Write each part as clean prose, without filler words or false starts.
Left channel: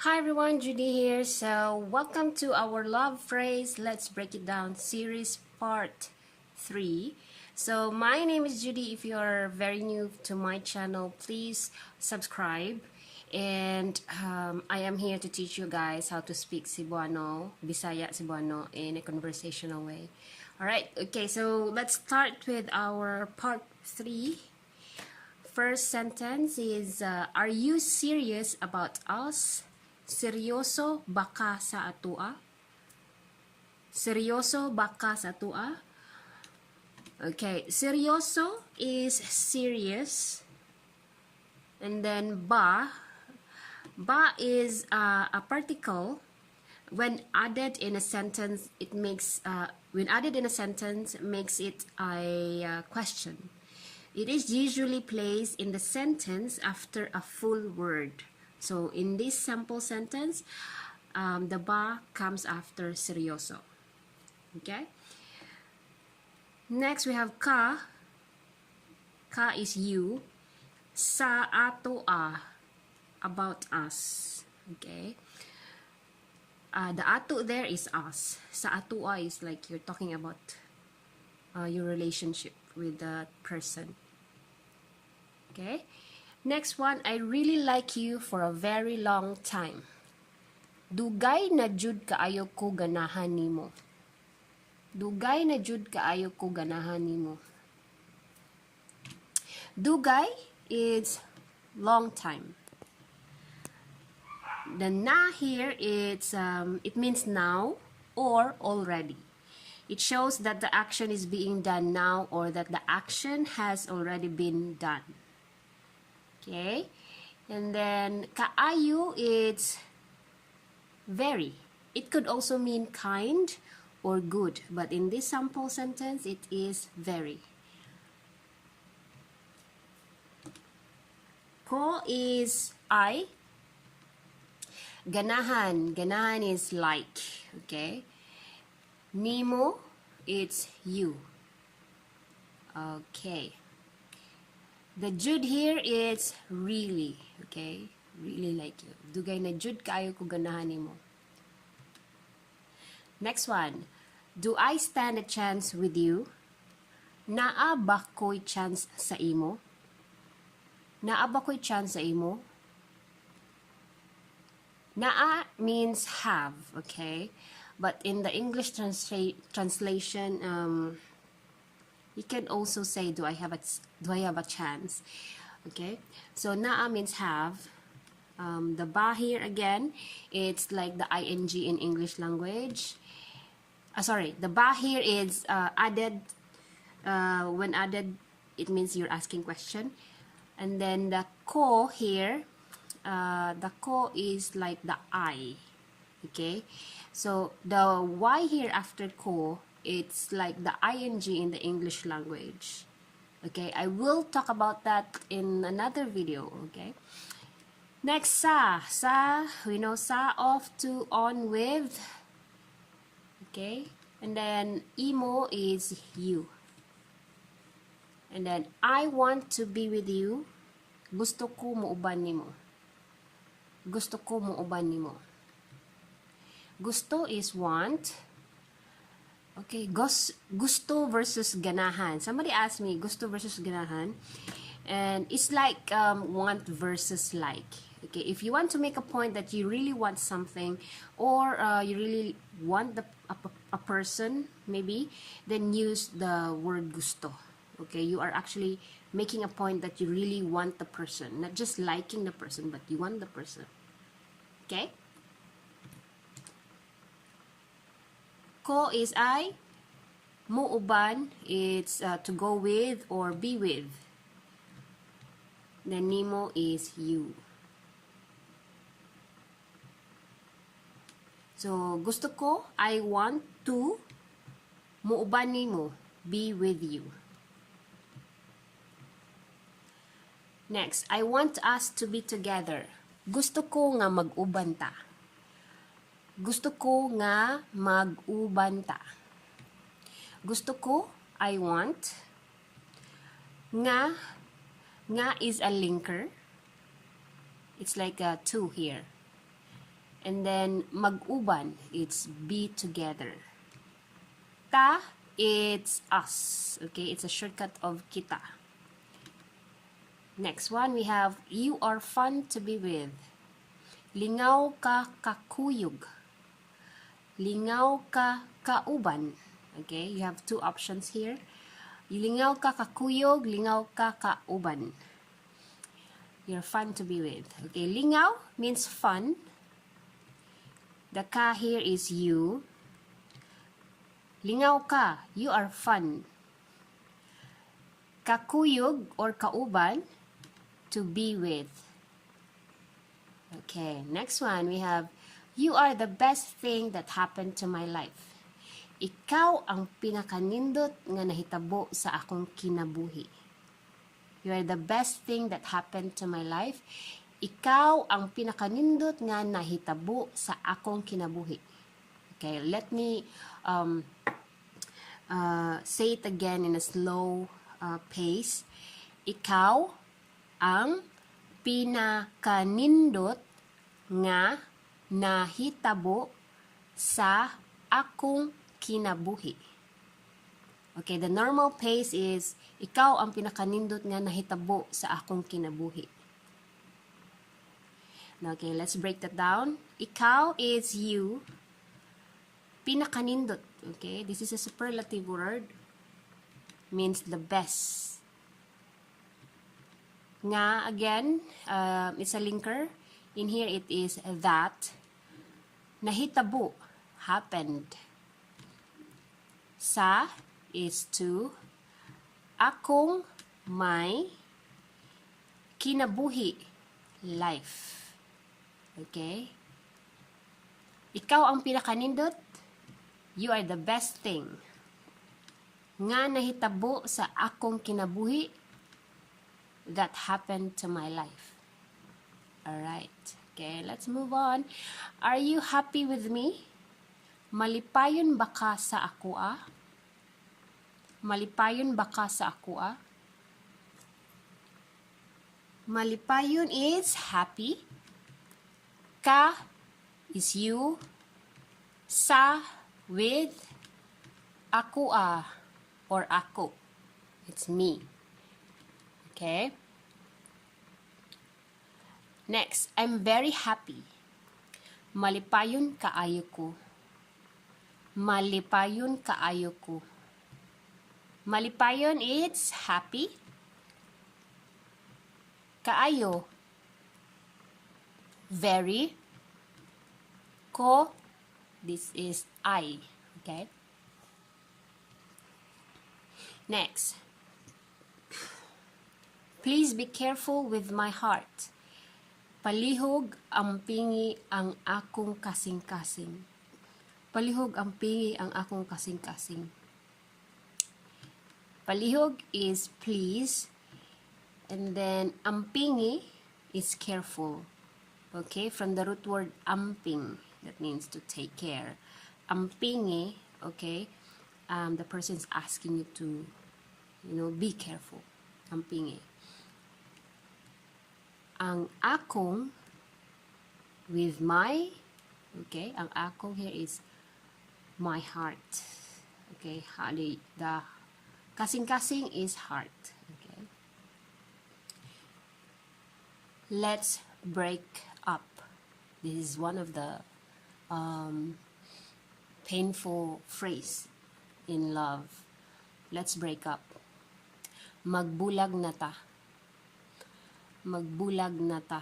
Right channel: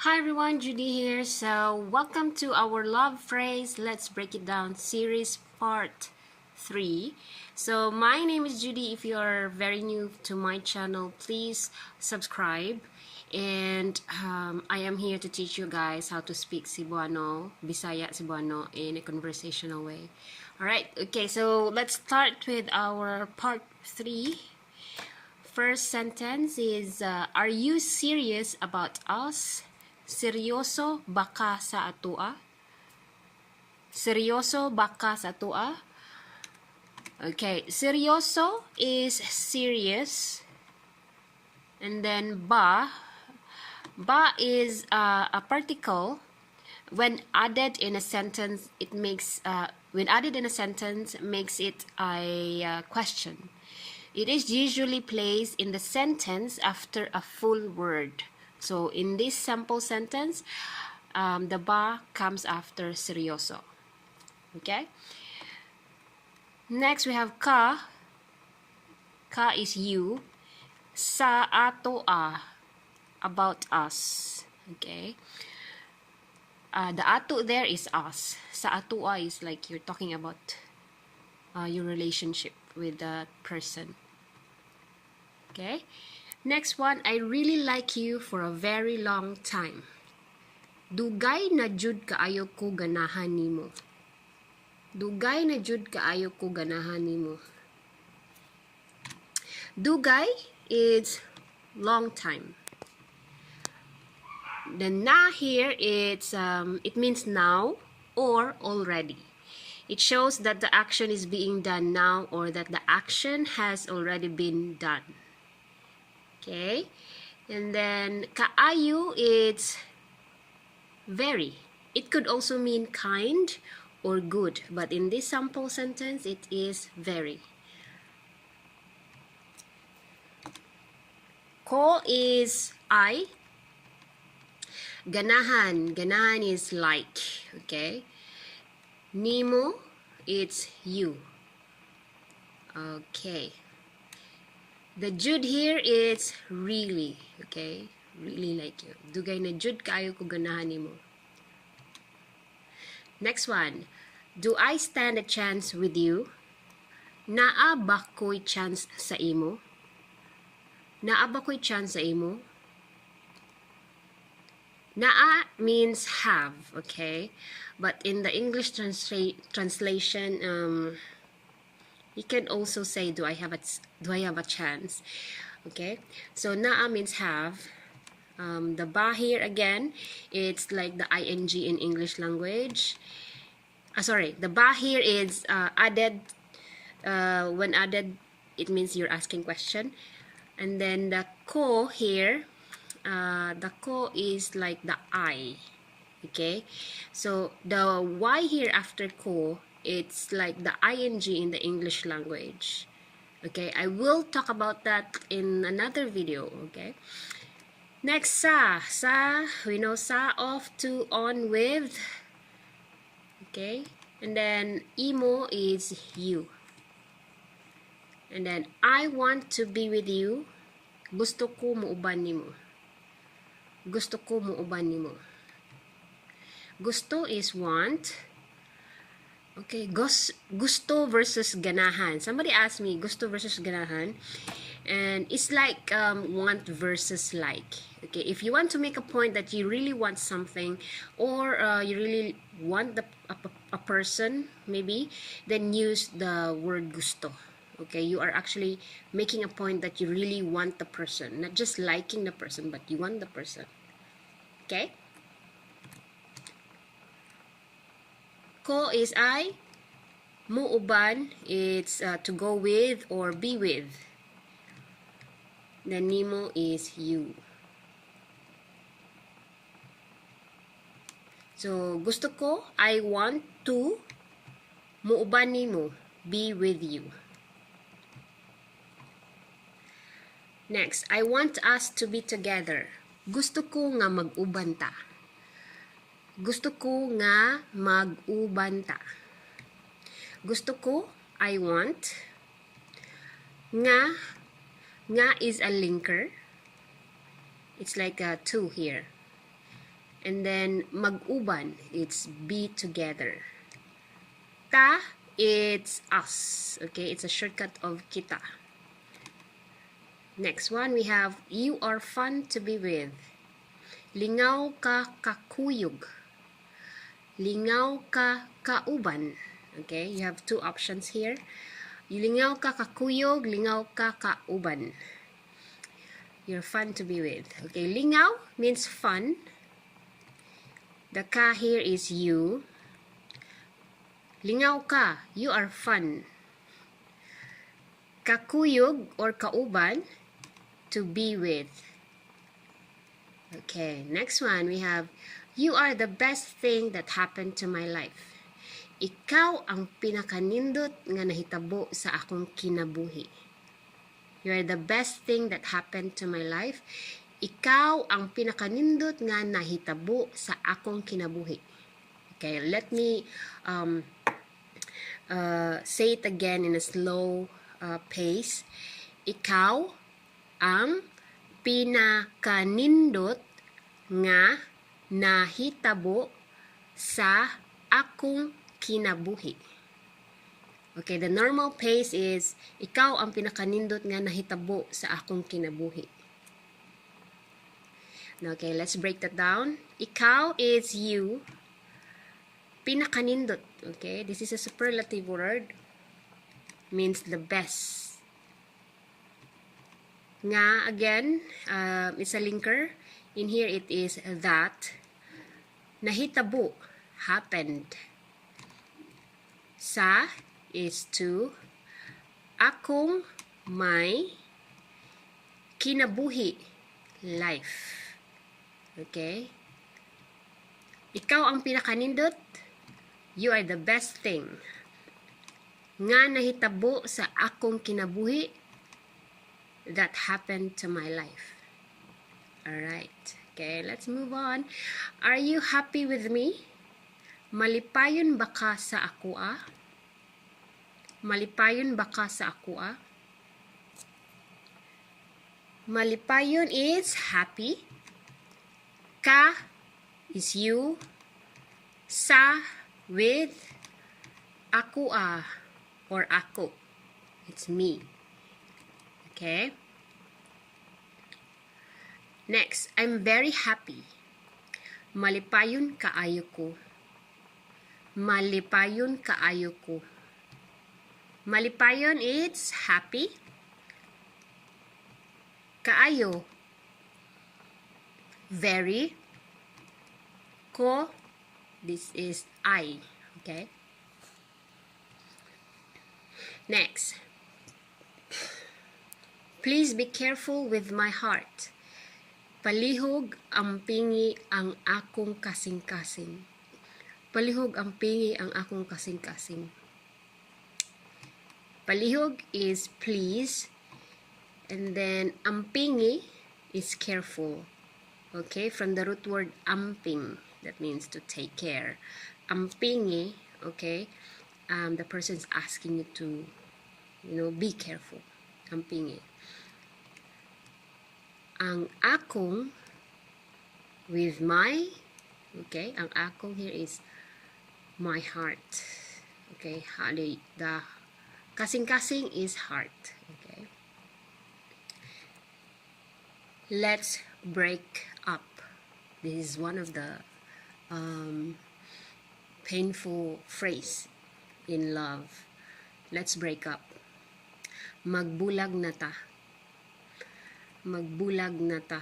Hi everyone, Judy here. So welcome to our love phrase Let's Break It Down series part 3. So my name is Judy. If you are very new to my channel, please subscribe. And I am here to teach you guys how to speak Cebuano, Bisaya Cebuano in a conversational way. Alright, okay, so let's start with our part 3. First sentence is, are you serious about us? Seryoso ba ka sa atoa? Seryoso ba ka sa atoa? Okay, seryoso is serious. And then ba is a particle. When added in a sentence, it makes makes it a question. It is usually placed in the sentence after a full word. So in this sample sentence, the ba comes after seryoso. Okay? Next we have ka. Ka is you. Sa atoa, about us. Okay? The ato there is us. Sa atoa is like you're talking about your relationship with that person. Okay? Next one, I really like you for a very long time. Dugay na jud kaayo ko ganahan nimo. Dugay na jud kaayo ko ganahan nimo. Dugay is long time. The na here it's it means now or already. It shows that the action is being done now or that the action has already been done. Okay, and then kaayo, it's very. It could also mean kind or good, but in this sample sentence, it is very. Ko is I. Ganahan. Ganahan is like. Okay. Nimo, it's you. Okay. The jud here is really, okay? Really like you. Dugay na jud kaayo ko ganahan nimo. Next one. Do I stand a chance with you? Naa ba ko'y chance sa imo? Naa ba ko'y chance sa imo? Naa means have, okay? But in the English translation, you can also say, do I have a chance? Okay, so naa means have. The ba here again, it's like the ing in English language. Sorry, the ba here is added. When added, it means you're asking question. And then the ko here, the ko is like the I. Okay, so the y here after ko, it's like the ing in the English language. Okay, I will talk about that in another video. Okay, next sa. We know sa, off to, on with. Okay, and then imo is you. And then I want to be with you. Gusto ko mouban nimo. Gusto ko mouban nimo. Gusto is want. Okay, gusto versus ganahan. Somebody asked me gusto versus ganahan, and it's like want versus like. Okay, if you want to make a point that you really want something, or you really want a person, maybe, then use the word gusto. Okay, you are actually making a point that you really want the person, not just liking the person, but you want the person. Okay. Ko is I. Mouban, it's to go with or be with. Then nimo is you. So, gusto ko, I want to, mouban nimo, be with you. Next, I want us to be together. Gusto ko nga mag-uban ta. Gusto ko nga mag-uban ta. Gusto ko, I want. Nga is a linker. It's like a to here. And then mag-uban, it's be together. Ta, it's us. Okay, it's a shortcut of kita. Next one, we have you are fun to be with. Lingaw ka kakuyog. Lingaw ka kauban. Okay, you have two options here. Lingaw ka kakuyog, lingaw ka kauban. You're fun to be with. Okay, lingaw means fun. The ka here is you. Lingaw ka, you are fun. Kakuyog or kauban, to be with. Okay, next one we have you are the best thing that happened to my life. Ikaw ang pinakanindot nga nahitabo sa akong kinabuhi. You are the best thing that happened to my life. Ikaw ang pinakanindot nga nahitabo sa akong kinabuhi. Okay, let me say it again in a slow pace. Ikaw ang pinakanindot nga nahitabo sa akong kinabuhi. Okay, the normal pace is ikaw ang pinakanindot nga nahitabo sa akong kinabuhi. Okay, let's break that down. Ikaw is you. Pinakanindot. Okay, this is a superlative word. Means the best. Nga, again, is a linker. In here, it is that. Nahitabo. Happened. Sa is to. Akong may kinabuhi. Life. Okay? Ikaw ang pinakanindot. You are the best thing. Nga nahitabo sa akong kinabuhi that happened to my life. Alright. Okay, let's move on. Are you happy with me? Malipayon ba ka sa akoa? Malipayon ba ka sa akoa? Malipayon is happy. Ka is you. Sa with akoa or ako. It's me. Okay? Next, I'm very happy. Malipayon kaayo ko. Malipayon kaayo ko. Malipayon, it's happy. Kaayo, very. Ko, this is I. Okay? Next. Please be careful with my heart. Palihog ang pingi ang akong kasing-kasing. Palihog ang pingi ang akong kasing-kasing. Palihog is please. And then ampingi is careful. Okay? From the root word amping. That means to take care. Ampingi, okay? The person's asking you to, be careful. Ampingi. Ang akong with my, okay? Ang akong here is my heart. Okay? The kasing-kasing is heart. Okay? Let's break up. This is one of the painful phrase in love. Let's break up. Mag-bulag na ta. Mag-bulag na ta.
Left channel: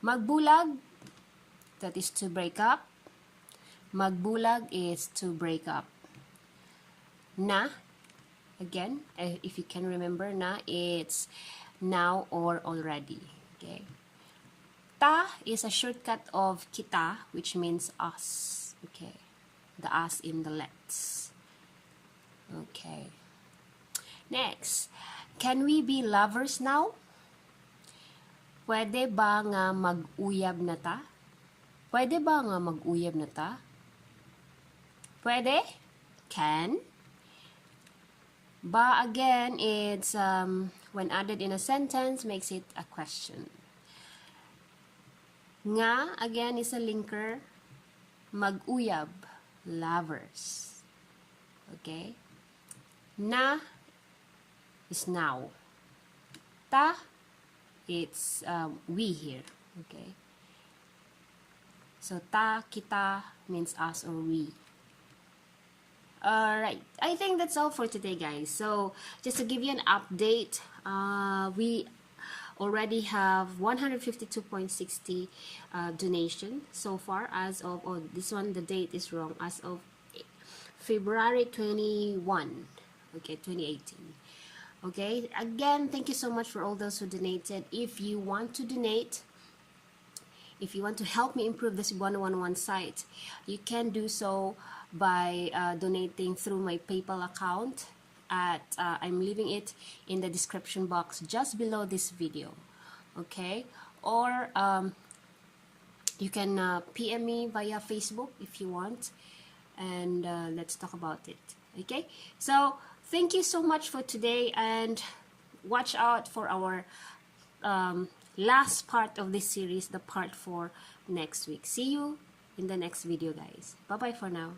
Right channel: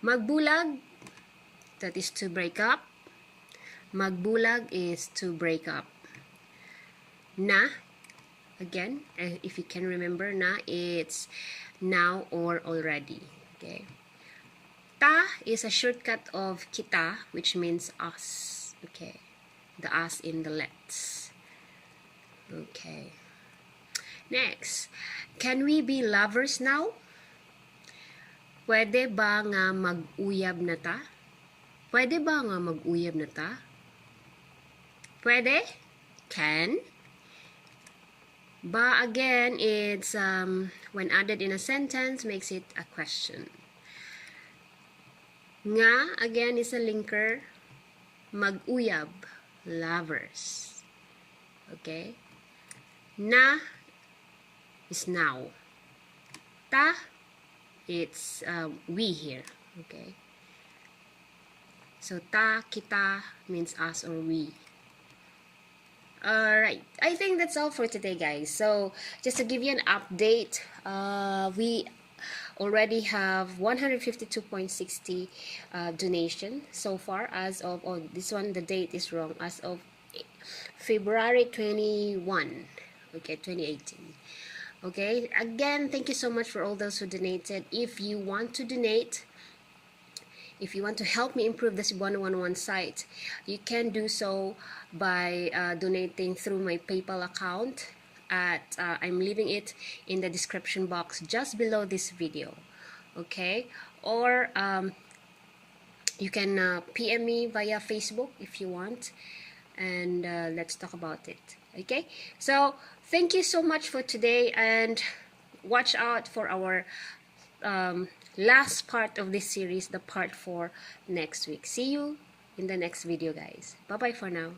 Mag-bulag, that is to break up. Mag-bulag is to break up. Na, again, if you can remember, na, it's now or already. Okay. Ta is a shortcut of kita, which means us. Okay. The us in the let's. Okay. Next. Can we be lovers now? Pwede ba nga mag-uyab na ta? Pwede ba nga mag-uyab na ta? Pwede? Can? Ba, again, it's when added in a sentence, makes it a question. Nga, again, is a linker. Mag-uyab, lovers. Okay? Na is now. Ta, it's we here. Okay? So, ta, kita means us or we. Alright, I think that's all for today, guys. So, just to give you an update, we already have 152.60 donation so far as of, oh, this one, the date is wrong, as of February 21, okay, 2018. Okay, again, thank you so much for all those who donated. If you want to donate, if you want to help me improve the Cebuano 101 site, you can do so by donating through my PayPal account. I'm leaving it in the description box just below this video. Okay, or you can PM me via Facebook if you want, and let's talk about it. Okay, so thank you so much for today, and watch out for our last part of this series, the part 4, next week. See you in the next video, guys. Bye bye for now.